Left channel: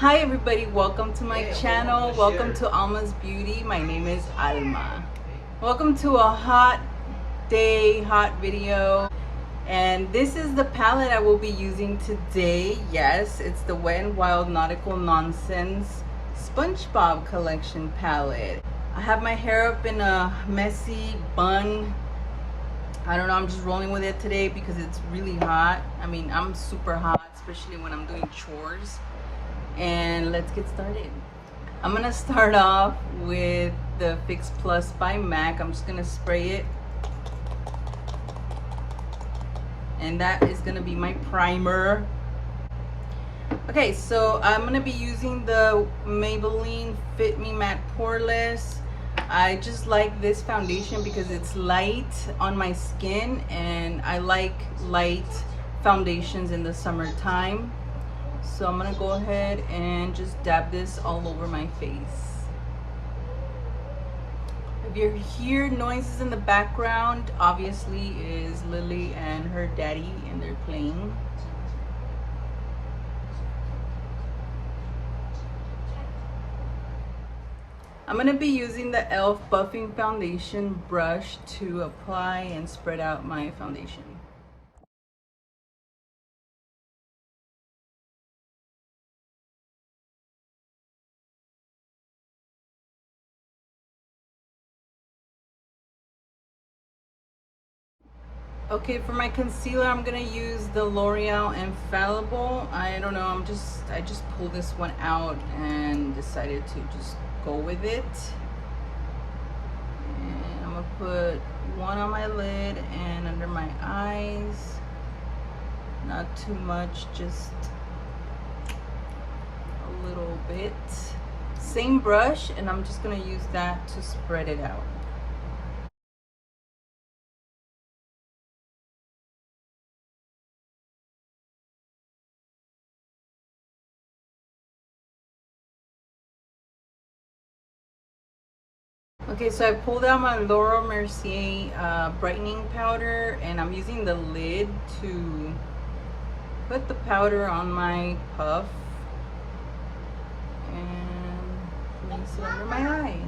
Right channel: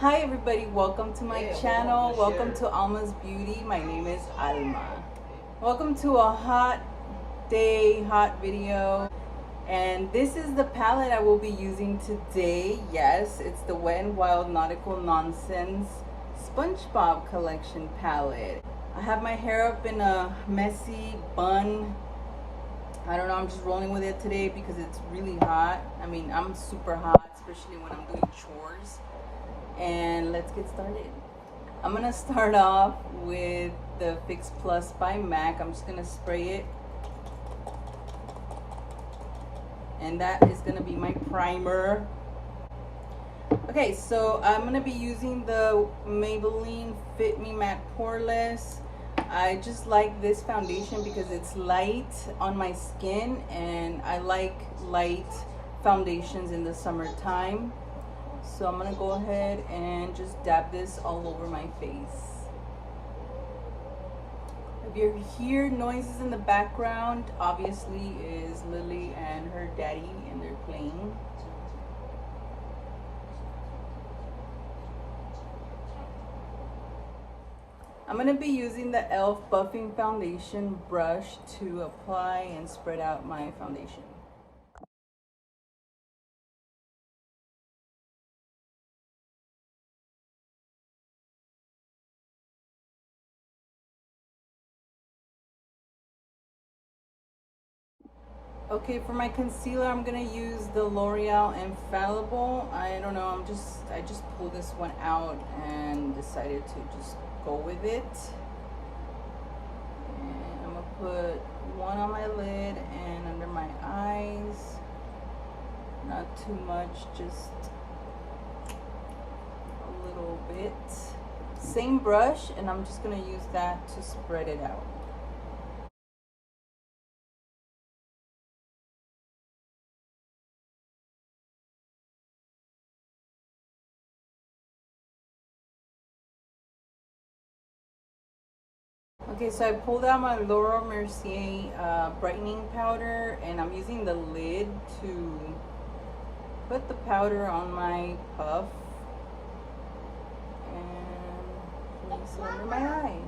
Hi everybody, welcome to my channel. Welcome to Alma's Beauty. My name is Alma. Welcome to a hot day, hot video. And this is the palette I will be using today. Yes, it's the Wet n Wild Nautical Nonsense SpongeBob collection palette. I have my hair up in a messy bun. I don't know, I'm just rolling with it today because it's really hot. I mean, I'm super hot, especially when I'm doing chores. And let's get started. I'm gonna start off with the Fix Plus by MAC. I'm just gonna spray it, and that is gonna be my primer. Okay, so I'm gonna be using the Maybelline Fit Me Matte Poreless. I just like this foundation because it's light on my skin, and I like light foundations in the summertime. So I'm gonna go ahead and just dab this all over my face. If you hear noises in the background, obviously is Lily and her daddy, and they're playing. I'm gonna be using the e.l.f. Buffing Foundation brush to apply and spread out my foundation. Okay, for my concealer, I'm gonna use the L'Oreal Infallible. I don't know, I just pulled this one out and decided to just go with it. And I'm gonna put one on my lid and under my eyes. Not too much, just a little bit. Same brush, and I'm just gonna use that to spread it out. Okay, so I pulled out my Laura Mercier brightening powder, and I'm using the lid to put the powder on my puff and place it under my eye.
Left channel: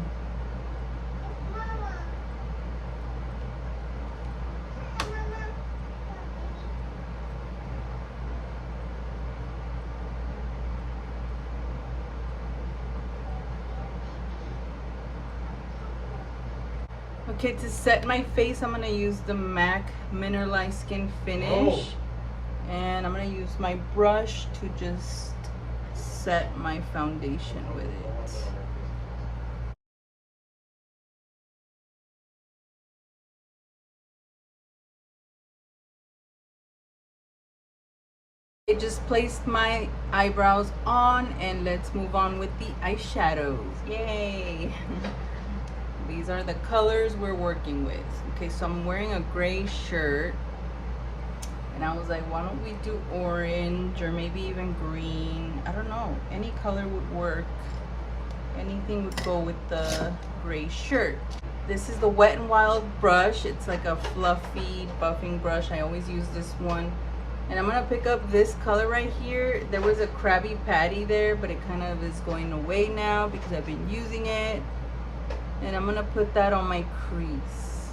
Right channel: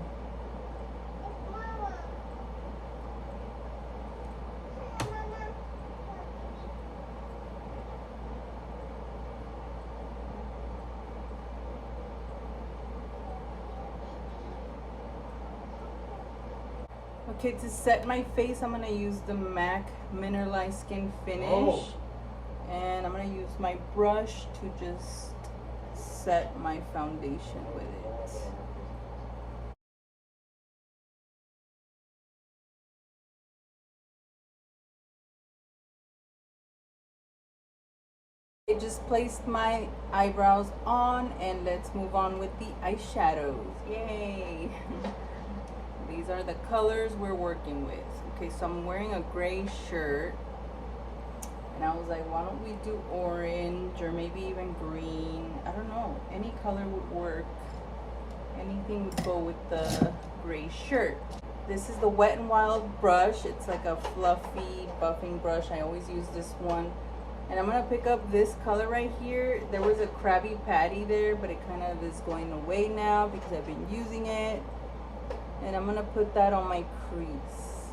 Okay, to set my face, I'm going to use the MAC Mineralized Skin Finish. And I'm going to use my brush to just set my foundation with it. I just placed my eyebrows on, and let's move on with the eyeshadows. Yay! These are the colors we're working with. Okay, so I'm wearing a gray shirt, and I was like, why don't we do orange or maybe even green? I don't know, any color would work. Anything would go with the gray shirt. This is the Wet n Wild brush. It's like a fluffy buffing brush. I always use this one. And I'm gonna pick up this color right here. There was a Krabby Patty there, but it kind of is going away now because I've been using it. And I'm gonna put that on my crease.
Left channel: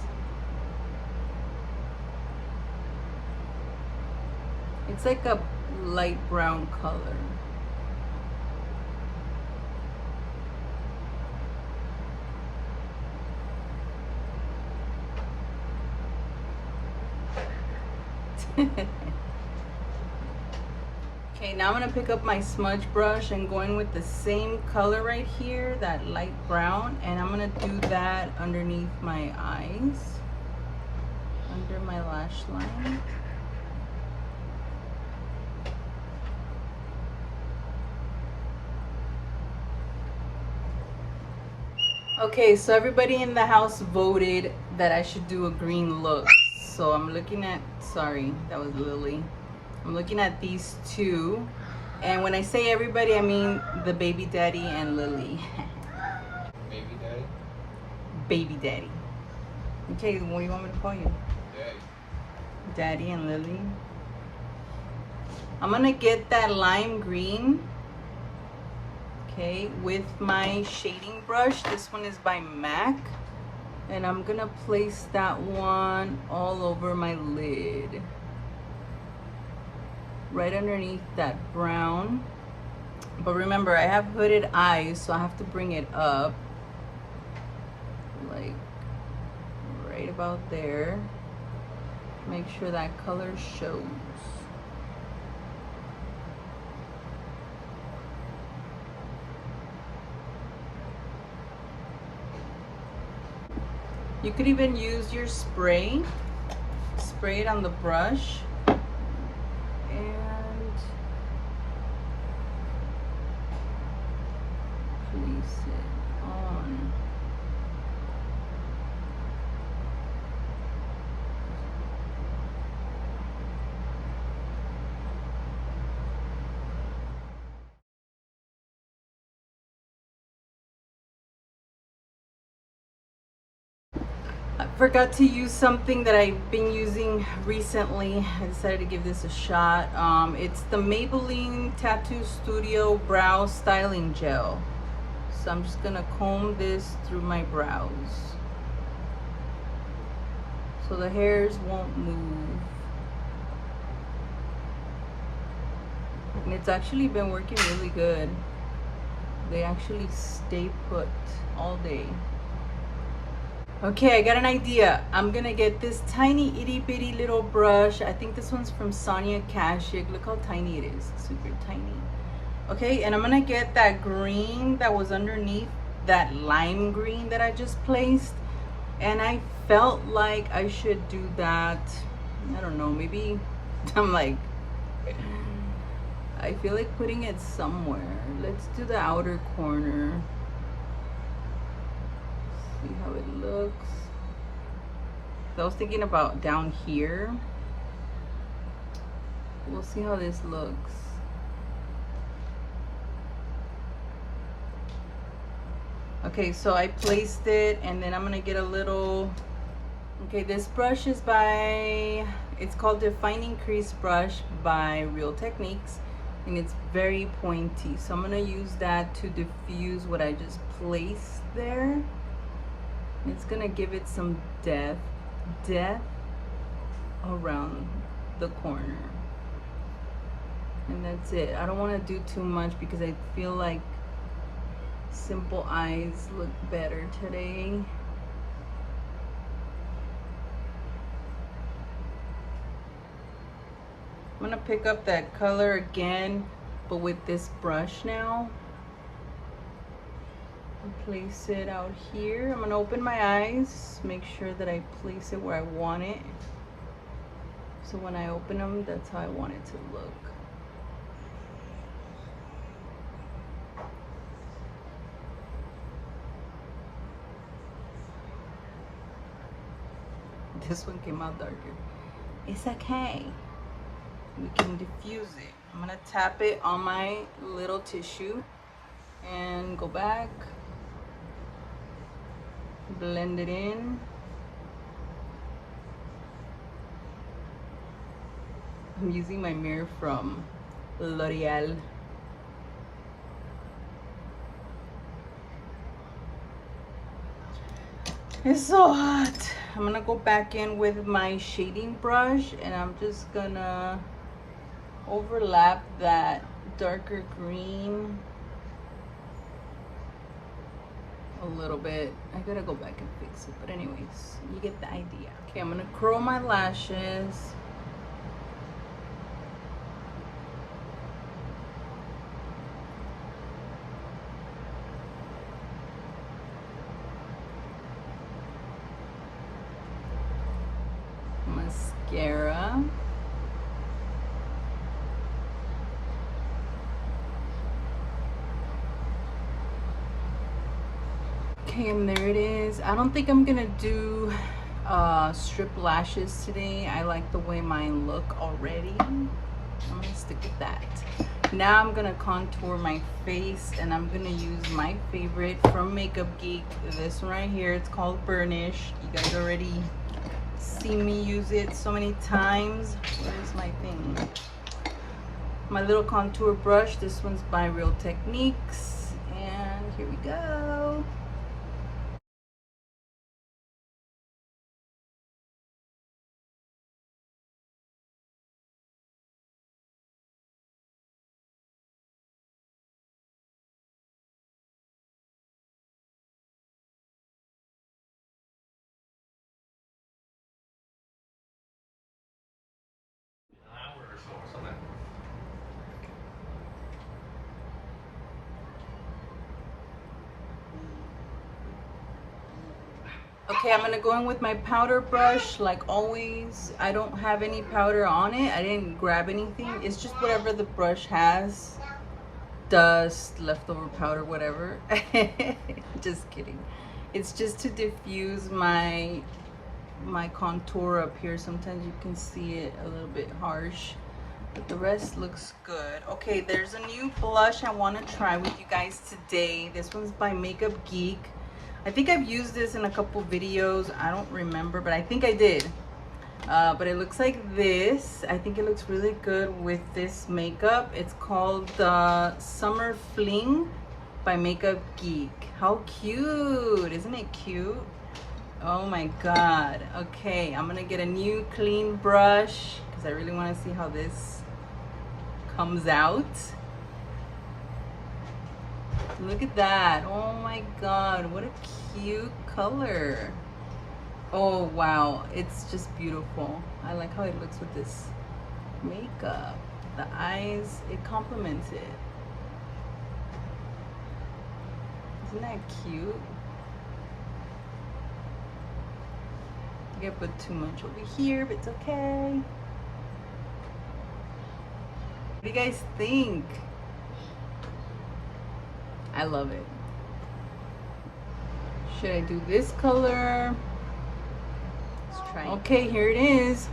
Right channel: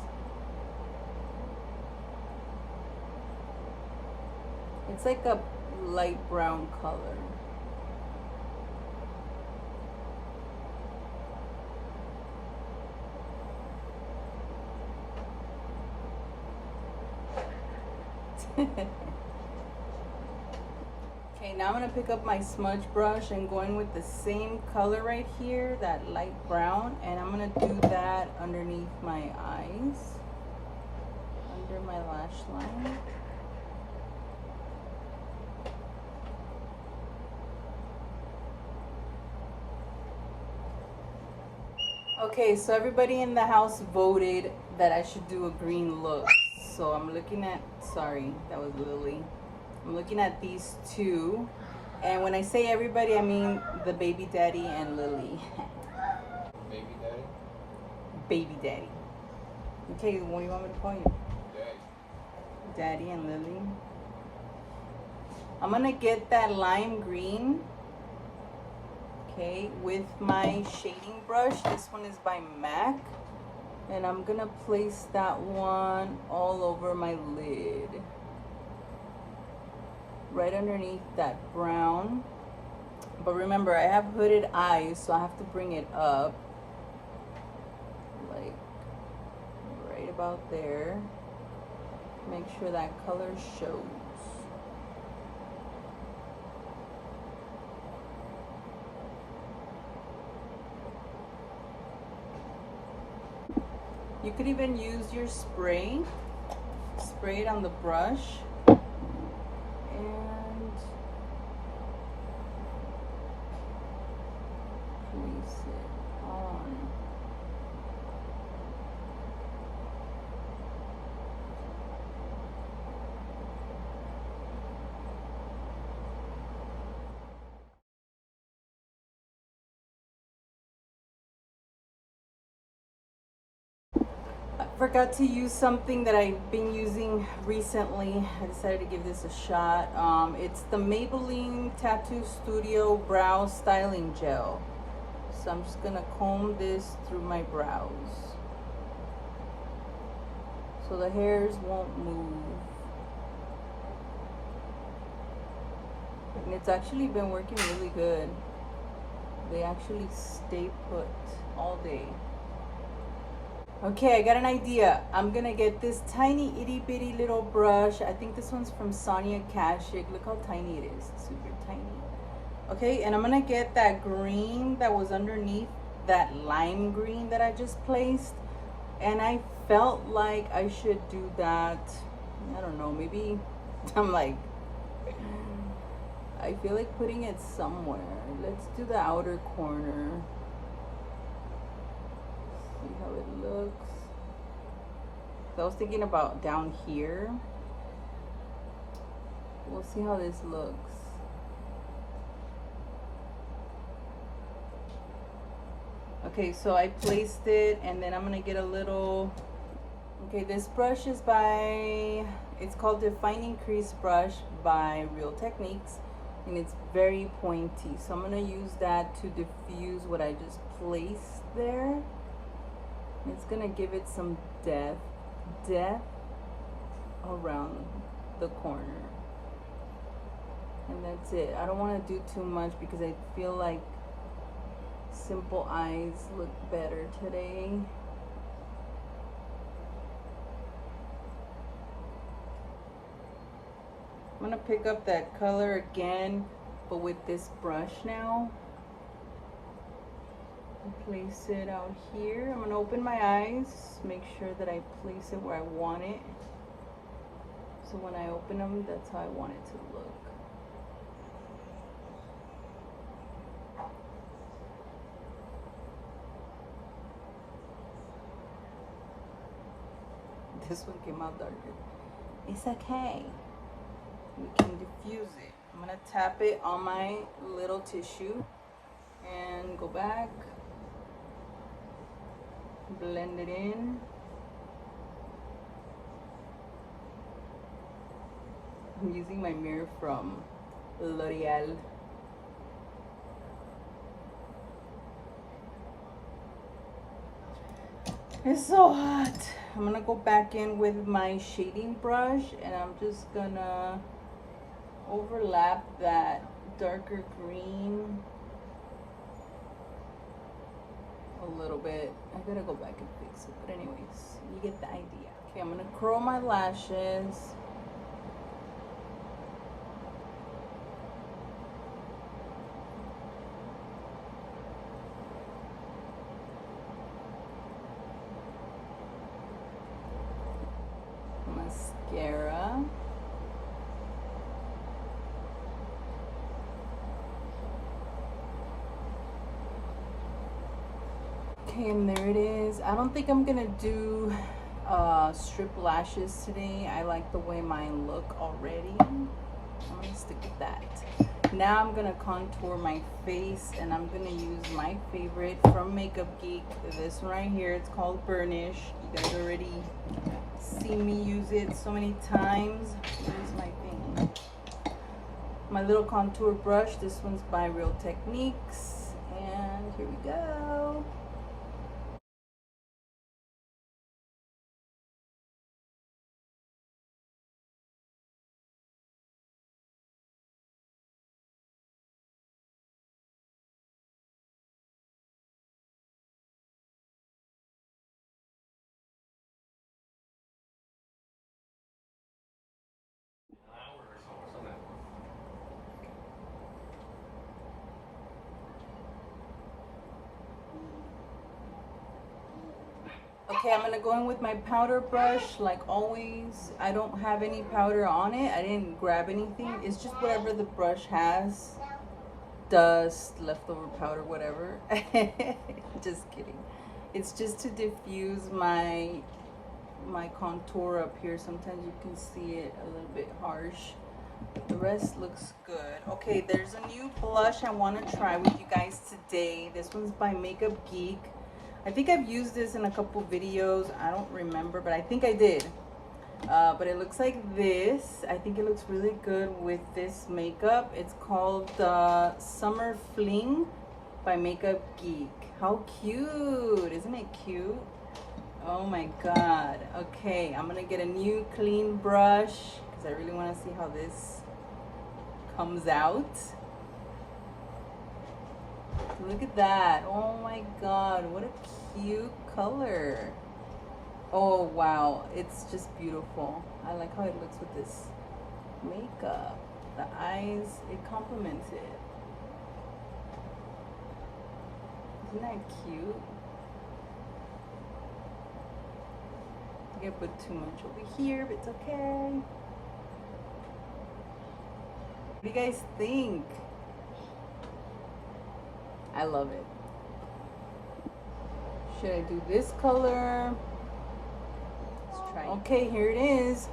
It's like a light brown color. Okay, now I'm gonna pick up my smudge brush and going with the same color right here, that light brown, and I'm gonna do that underneath my eyes, under my lash line. Okay, so everybody in the house voted that I should do a green look. So I'm looking at, sorry, that was Lily. I'm looking at these two. And when I say everybody, I mean the baby daddy and Lily. Baby daddy? Baby daddy. Okay, what do you want me to call you? Daddy. Daddy and Lily. I'm gonna get that lime green Okay, with my shading brush, this one is by MAC, and I'm gonna place that one all over my lid, right underneath that brown. But remember, I have hooded eyes, so I have to bring it up, like right about there. Make sure that color shows. You could even use your spray it on the brush, and place it on. I forgot to use something that I've been using recently. I decided to give this a shot. It's the Maybelline Tattoo Studio Brow Styling Gel. So I'm just gonna comb this through my brows so the hairs won't move. And it's actually been working really good. They actually stay put all day. Okay, I got an idea. I'm gonna get this tiny itty bitty little brush. I think this one's from Sonia Kashuk. Look how tiny it is, super tiny. Okay, and I'm gonna get that green that was underneath, that lime green that I just placed. And I felt like I should do that, I don't know, maybe, I'm like, I feel like putting it somewhere. Let's do the outer corner. See how it looks. I was thinking about down here. We'll see how this looks. Okay, so I placed it, and then I'm gonna get a little, okay, this brush is by, it's called Defining Crease Brush by Real Techniques, and it's very pointy. So I'm gonna use that to diffuse what I just placed there. It's gonna give it some depth around the corner. And that's it. I don't want to do too much because I feel like simple eyes look better today. I'm gonna pick up that color again, but with this brush now. Place it out here. I'm gonna open my eyes, make sure that I place it where I want it. So when I open them, that's how I want it to look. This one came out darker. It's okay. We can diffuse it. I'm gonna tap it on my little tissue and go back. Blend it in. I'm using my mirror from L'Oreal. It's so hot. I'm gonna go back in with my shading brush, and I'm just gonna overlap that darker green a little bit. I gotta go back and fix it, but anyways, you get the idea. Okay, I'm gonna curl my lashes. Mascara. Okay, and there it is. I don't think I'm gonna do strip lashes today. I like the way mine look already. I'm gonna stick with that. Now I'm gonna contour my face, and I'm gonna use my favorite from Makeup Geek. This one right here, it's called Burnish. You guys already see me use it so many times. Where's my thing? My little contour brush. This one's by Real Techniques, And here we go. Okay, I'm gonna go in with my powder brush like always. I don't have any powder on it. I didn't grab anything. It's just whatever the brush has. Dust, leftover powder, whatever. Just kidding. It's just to diffuse my contour up here. Sometimes you can see it a little bit harsh, but the rest looks good. Okay, there's a new blush I want to try with you guys today. This one's by Makeup Geek. I think I've used this in a couple videos. I don't remember, but I think I did. But it looks like this. I think it looks really good with this makeup. It's called Summer Fling by Makeup Geek. How cute! Isn't it cute? Oh my god. Okay, I'm gonna get a new clean brush because I really want to see how this comes out. Look at that. Oh my god, what a cute color. Oh wow, it's just beautiful. I like how it looks with this makeup. The eyes, it complements it. Isn't that cute? I think I put too much over here, but it's okay. What do you guys think? I love it. Should I do this color? Let's try it. Okay, here it is.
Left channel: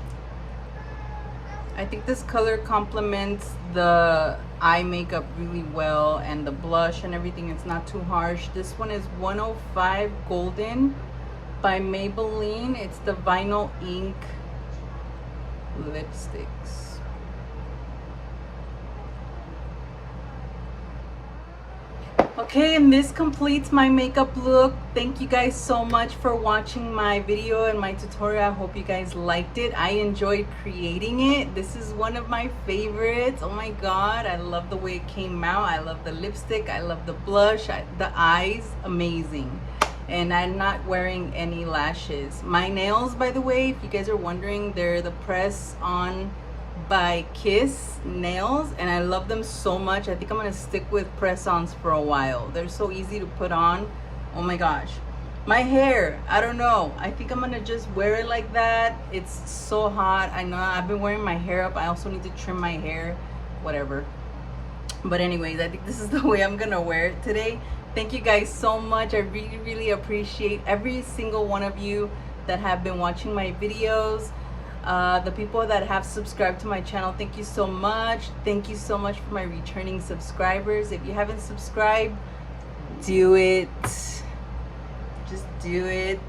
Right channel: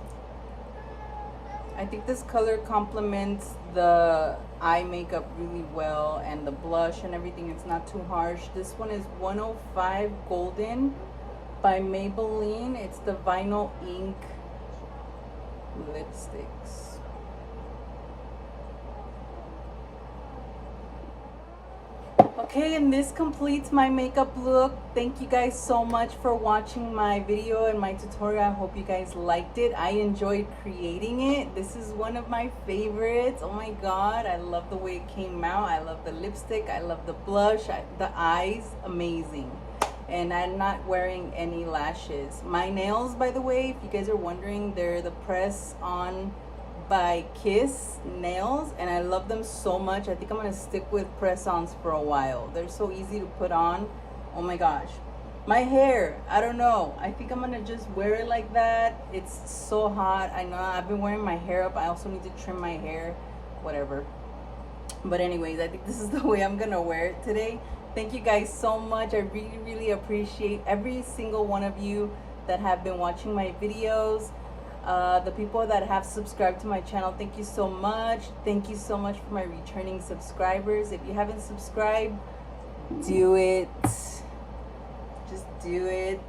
I think this color complements the eye makeup really well, and the blush and everything. It's not too harsh. This one is 105 Golden by Maybelline. It's the vinyl ink lipsticks. Okay, and this completes my makeup look. Thank you guys so much for watching my video and my tutorial. I hope you guys liked it. I enjoyed creating it. This is one of my favorites. Oh my god, I love the way it came out. I love the lipstick. I love the blush. The eyes, amazing. And I'm not wearing any lashes. My nails, by the way, if you guys are wondering, they're the press on by Kiss nails, and I love them so much. I think I'm gonna stick with press-ons for a while. They're so easy to put on. Oh my gosh. My hair, I don't know, I think I'm gonna just wear it like that. It's so hot. I know I've been wearing my hair up. I also need to trim my hair, whatever. But anyways, I think this is the way I'm gonna wear it today. Thank you guys so much. I really appreciate every single one of you that have been watching my videos. The people that have subscribed to my channel, thank you so much. Thank you so much for my returning subscribers. If you haven't subscribed, do it. Just do it.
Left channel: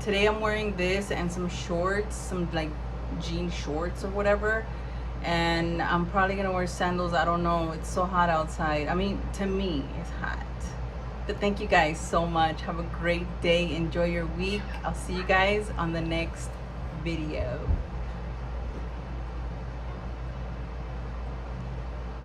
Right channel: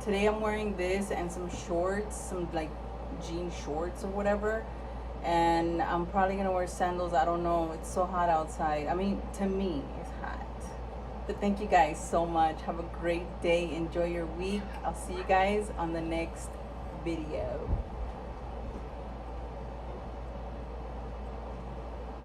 Today I'm wearing this and some shorts, some like jean shorts or whatever, and I'm probably gonna wear sandals. I don't know, it's so hot outside. I mean, to me it's hot. But thank you guys so much. Have a great day. Enjoy your week. I'll see you guys on the next video.